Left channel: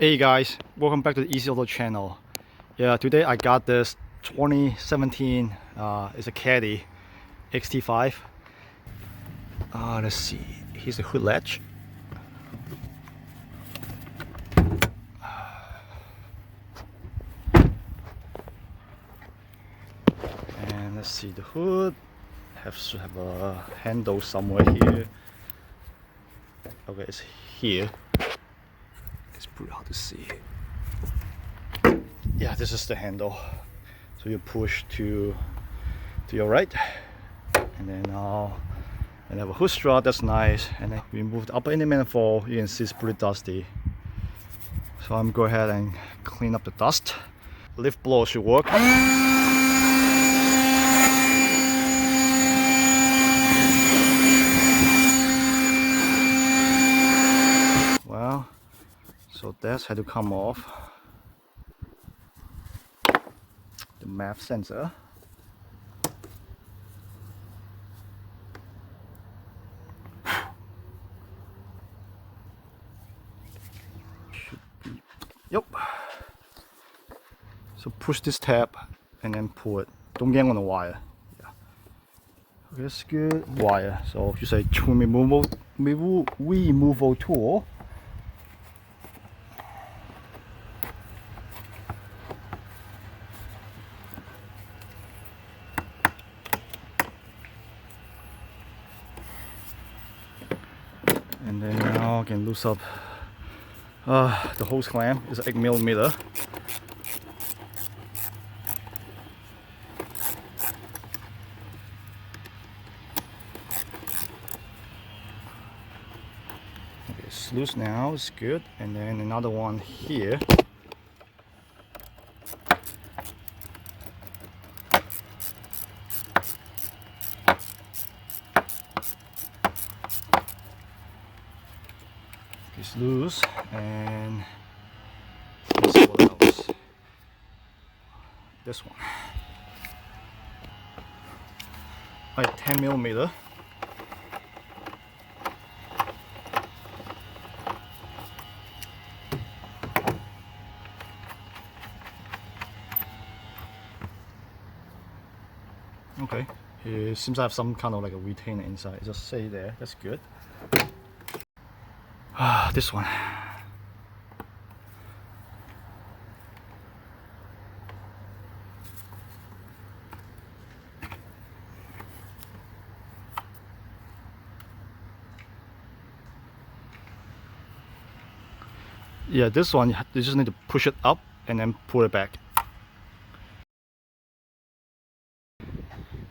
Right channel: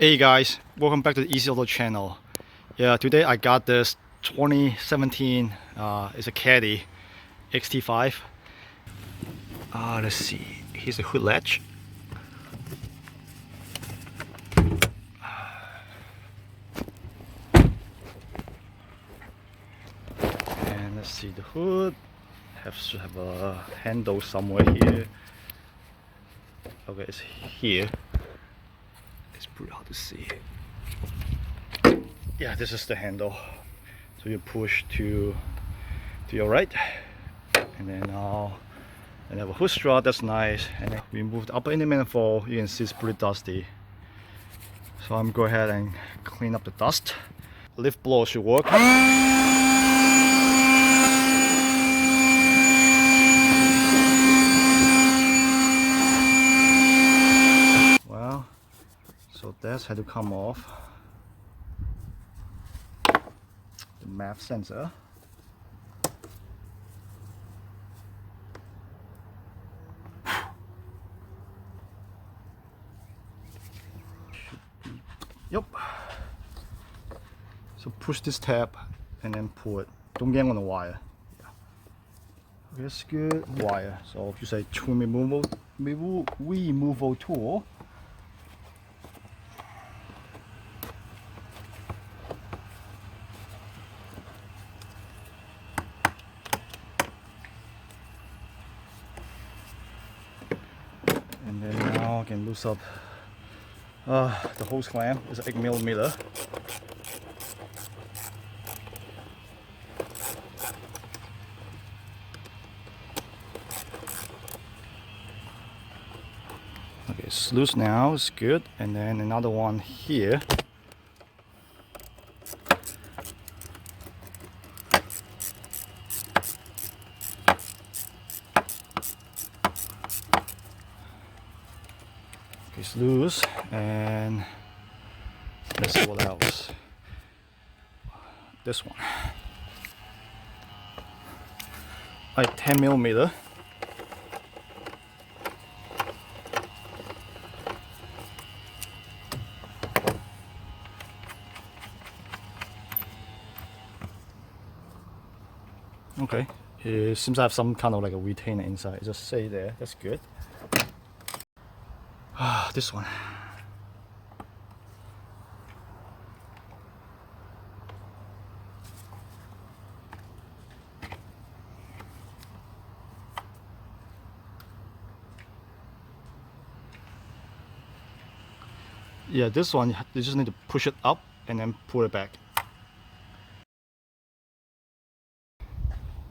Hey guys, welcome back to the Easy Auto channel. Yeah, today I got this 2017, it's a Caddy XT5. Let's see, here's the hood latch. And let's see, the hood should have a handle somewhere here. Okay, it's here. It's pretty hard to see. Yeah, this is the handle. So you push to your right, and then and have a hood strut. That's nice. And then we move the upper inner manifold. You can see it's pretty dusty. So I'm go ahead and clean up the dust. Leaf blower should work. Well, so that's had to come off. The map sensor. Yep. So push this tab and then pull it. Don't yank on the wire. Yeah. Okay, that's good. Wire. So if you say tool removal tool. And then now I can loose up the hose clamp. Is 8mm. Okay, it's loose now, it's good. And then another one here. It's loose, and let's see what else. This one, like 10mm. Okay, it seems to have some kind of like a retainer inside. Just stay there. That's good. This one. Yeah, this one you just need to push it up and then pull it back.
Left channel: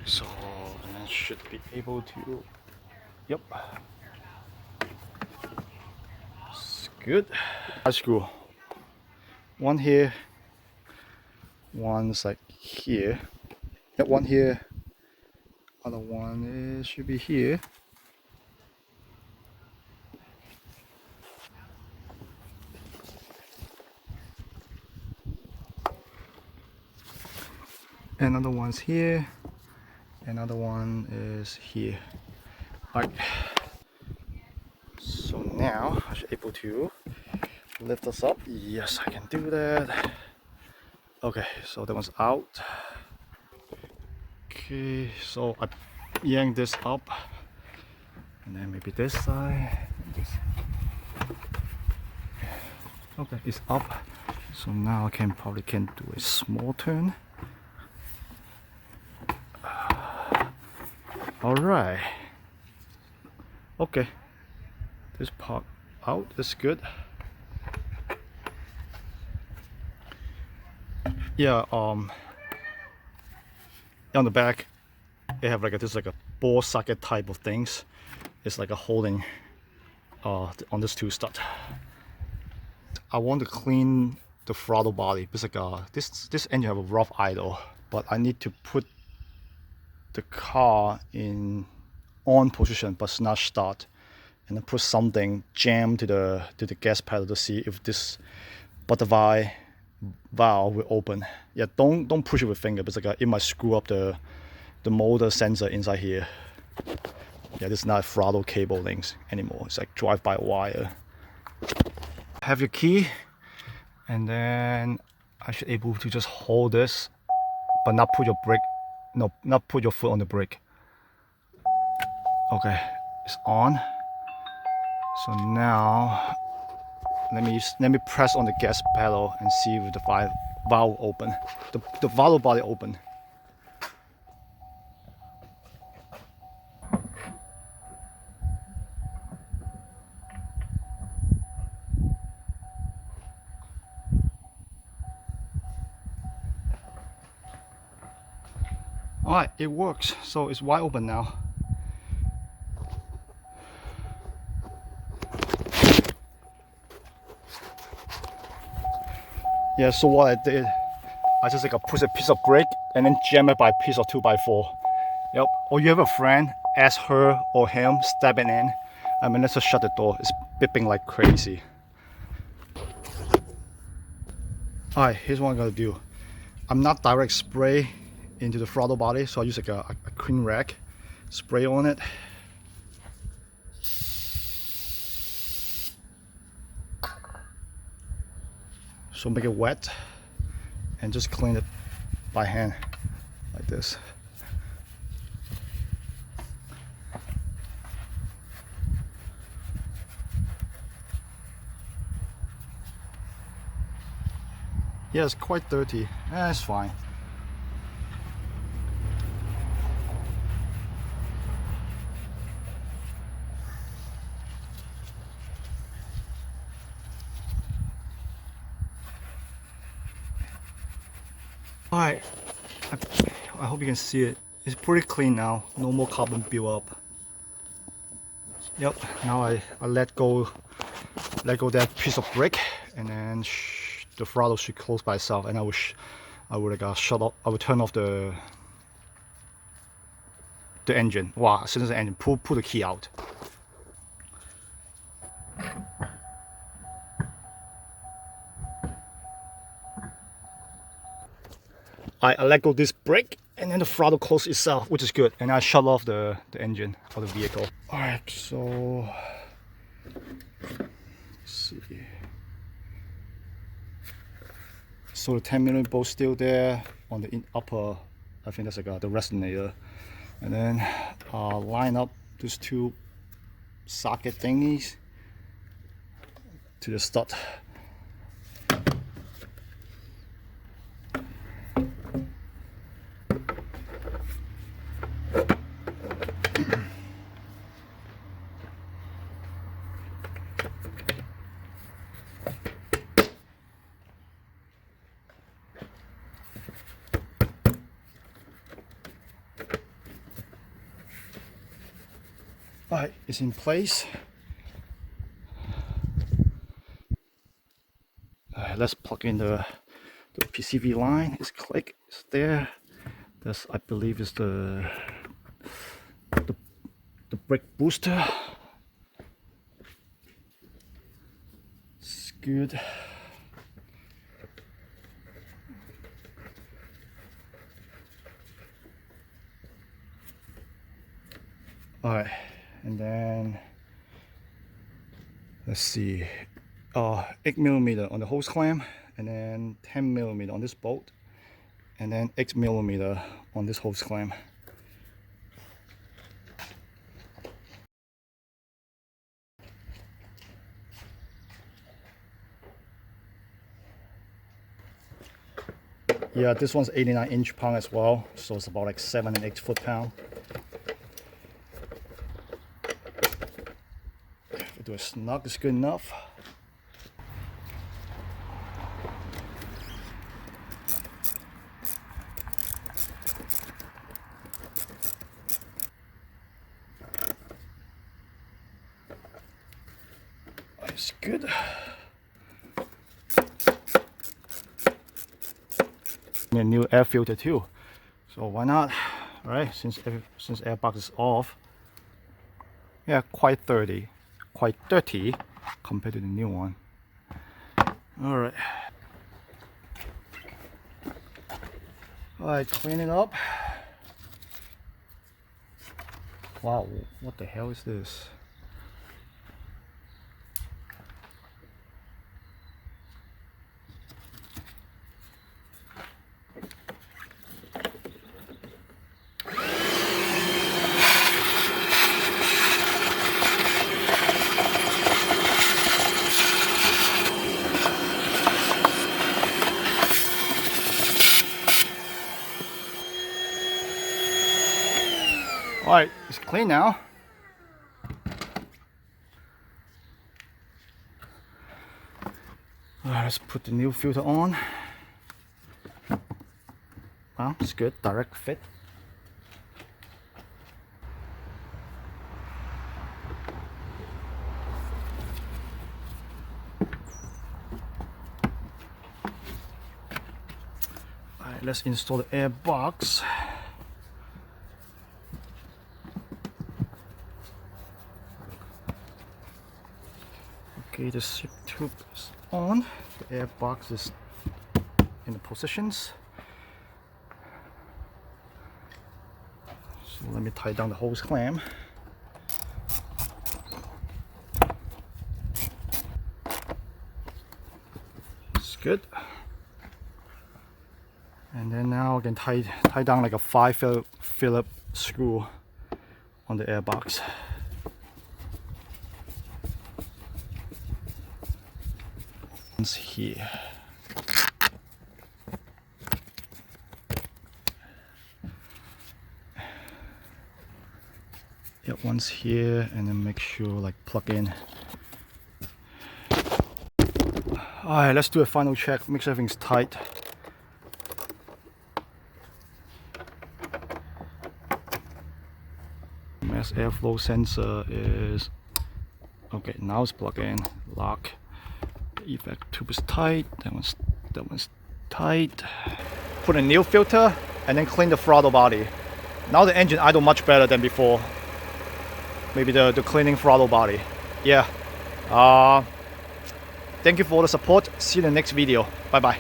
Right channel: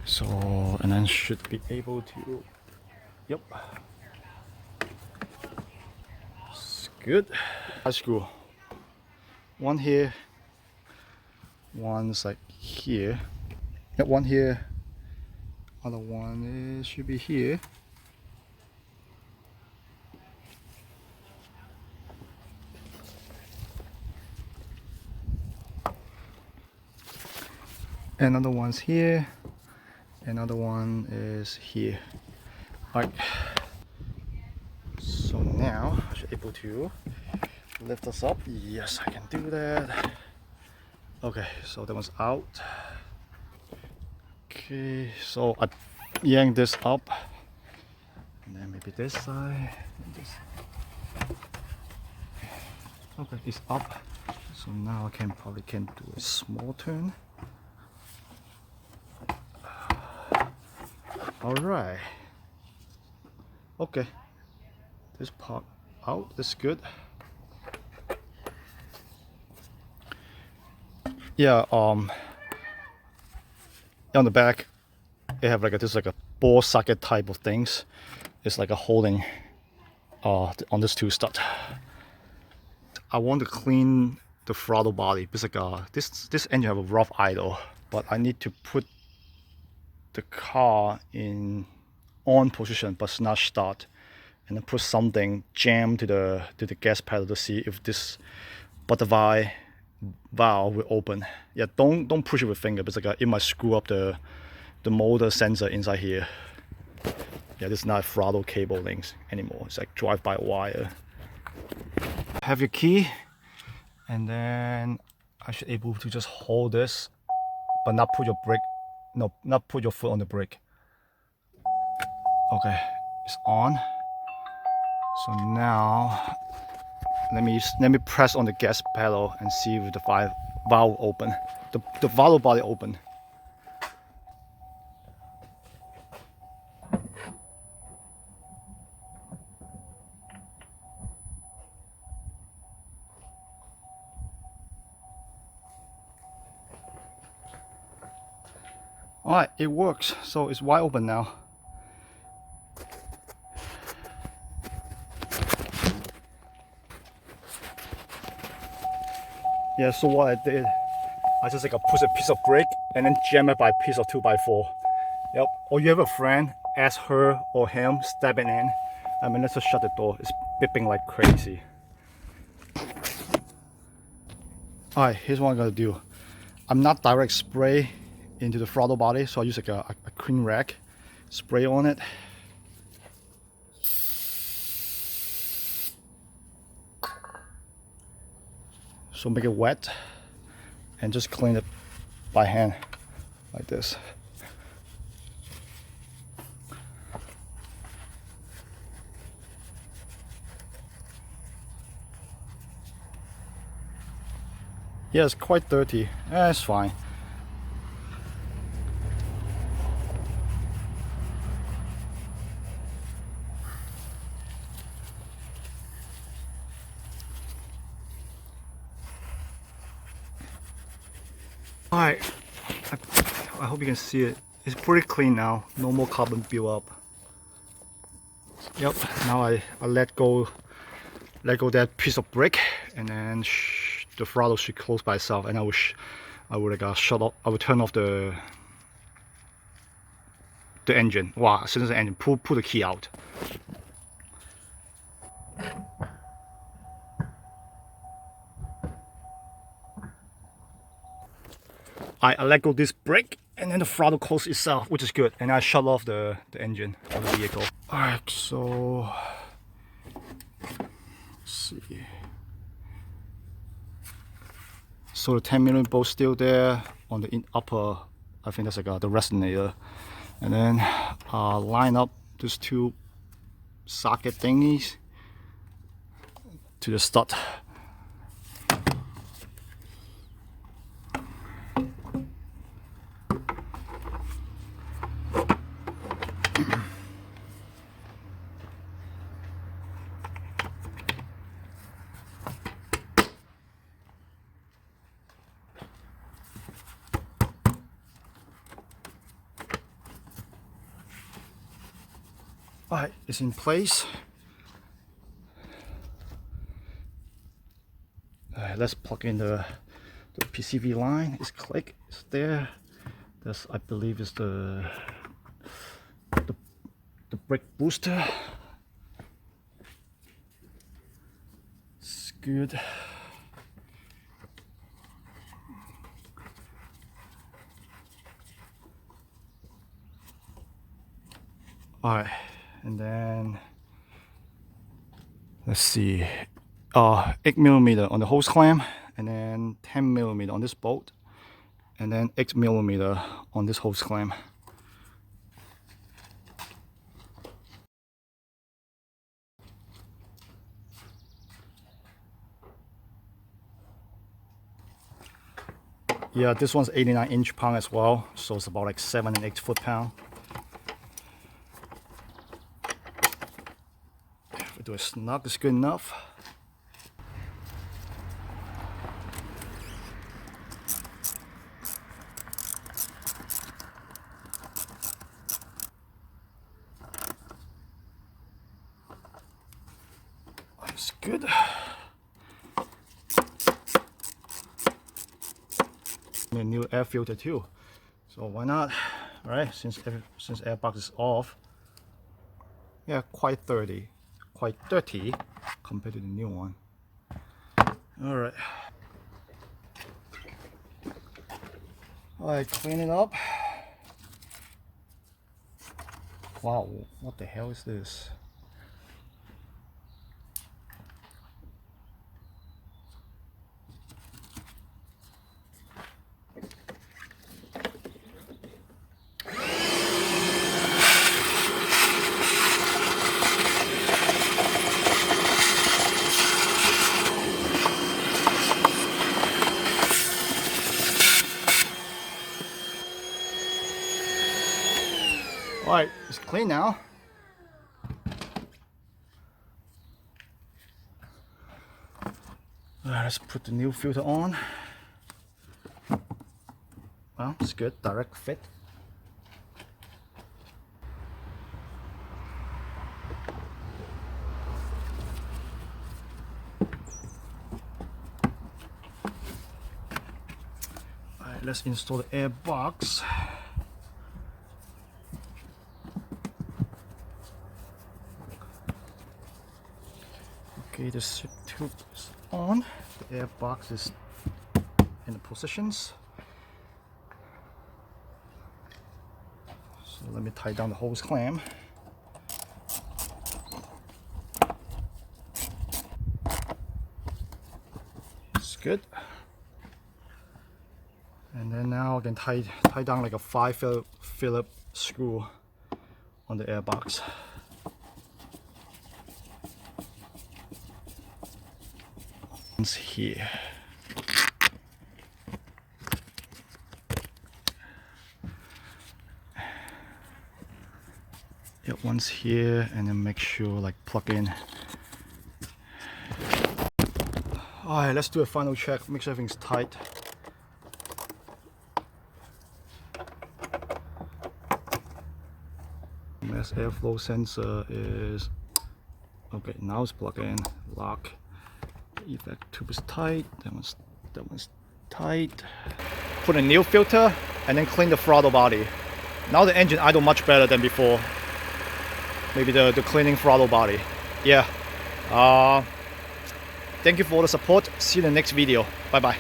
So, and then should be able to. Yep. Good. Screw. One here. One's like here. Yep, one here. Other one should be here. Another one's here. Another one is here. Right. So now I should be able to lift this up. Yes, I can do that. Okay, so that one's out. Okay, so I yank this up, and then maybe this side. Okay, it's up. So now I probably can do a small turn. All right. Okay. This part out is good. Yeah, on the back they have like this like a ball socket type of things. It's like a holding on this two stud. I want to clean the throttle body because like this engine have a rough idle, but I need to put the car in on position but it's not start, and then put something jammed to the gas pedal to see if this butterfly valve will open. Yeah, don't push it with finger because like it might screw up the motor sensor inside here. Yeah, this is not throttle cable links anymore. It's like drive-by wire. Have your key. and then I should able to just hold this, but not put your brake, no, not put your foot on the brake. Okay, it's on. So now let me press on the gas pedal and see if the valve open, the valve body open. Alright, it works, so it's wide open now. Yeah, so what I did, I just push a piece of brake and then jam it by a piece of 2x4. Yep, or you have a friend, ask her or him, step it in. I mean, let's just shut the door, it's beeping like crazy. Alright, here's what I'm gonna do. I'm not direct spray into the throttle body, so I use like a clean rag, spray on it. So make it wet and just clean it by hand like this. Yeah, it's quite dirty. Yeah, it's fine. Alright, I hope you can see it. It's pretty clean now. No more carbon build up. Yep. Now I let go that piece of brake, and then the throttle should close by itself. And I would shut off. I would turn off the engine. Wow! As soon as the engine, pull the key out. I let go this brake, and then the throttle closes itself, which is good. And I shut off the engine of the vehicle. Alright, so let's see. So the 10mm bolt still there on the upper, I think that's like the resonator. And then line up these two socket thingies to the stud. Alright, it's in place. Alright, let's plug in the PCV line. It's click, it's there. That's, I believe, is the brake booster. It's good. Alright, and then let's see, 8mm on the hose clamp, and then 10mm on this bolt, and then 8mm on this hose clamp. Yeah, this one's 89 inch-pound as well, so it's about like 7 and 8 foot-pound. If I do a snug, it's good enough. It's good. A new air filter too, so why not, right? Since airbox is off. Yeah, quite dirty compared to the new one. All right, clean it up. Wow, what the hell is this? Alright, it's clean now. Alright, let's put the new filter on. Oh, it's good, direct fit. Alright, let's install the air box. Okay, the seat tube is on. The air box is in the positions. So let me tie down the hose clamp. It's good. And then now I can tie down like a 5 Phillips screw on the air box. Here. Yeah, once here, and then make sure like plug in. Alright, let's do a final check, make sure everything's tight. Mass airflow sensor is okay. Now it's plugged in. Lock. Effect tube is tight. That one's tight. Put a new filter and then clean the throttle body. Now the engine idle much better than before. Maybe the cleaning throttle body. Yeah. Thank you for all the support. See you in the next video. Bye bye.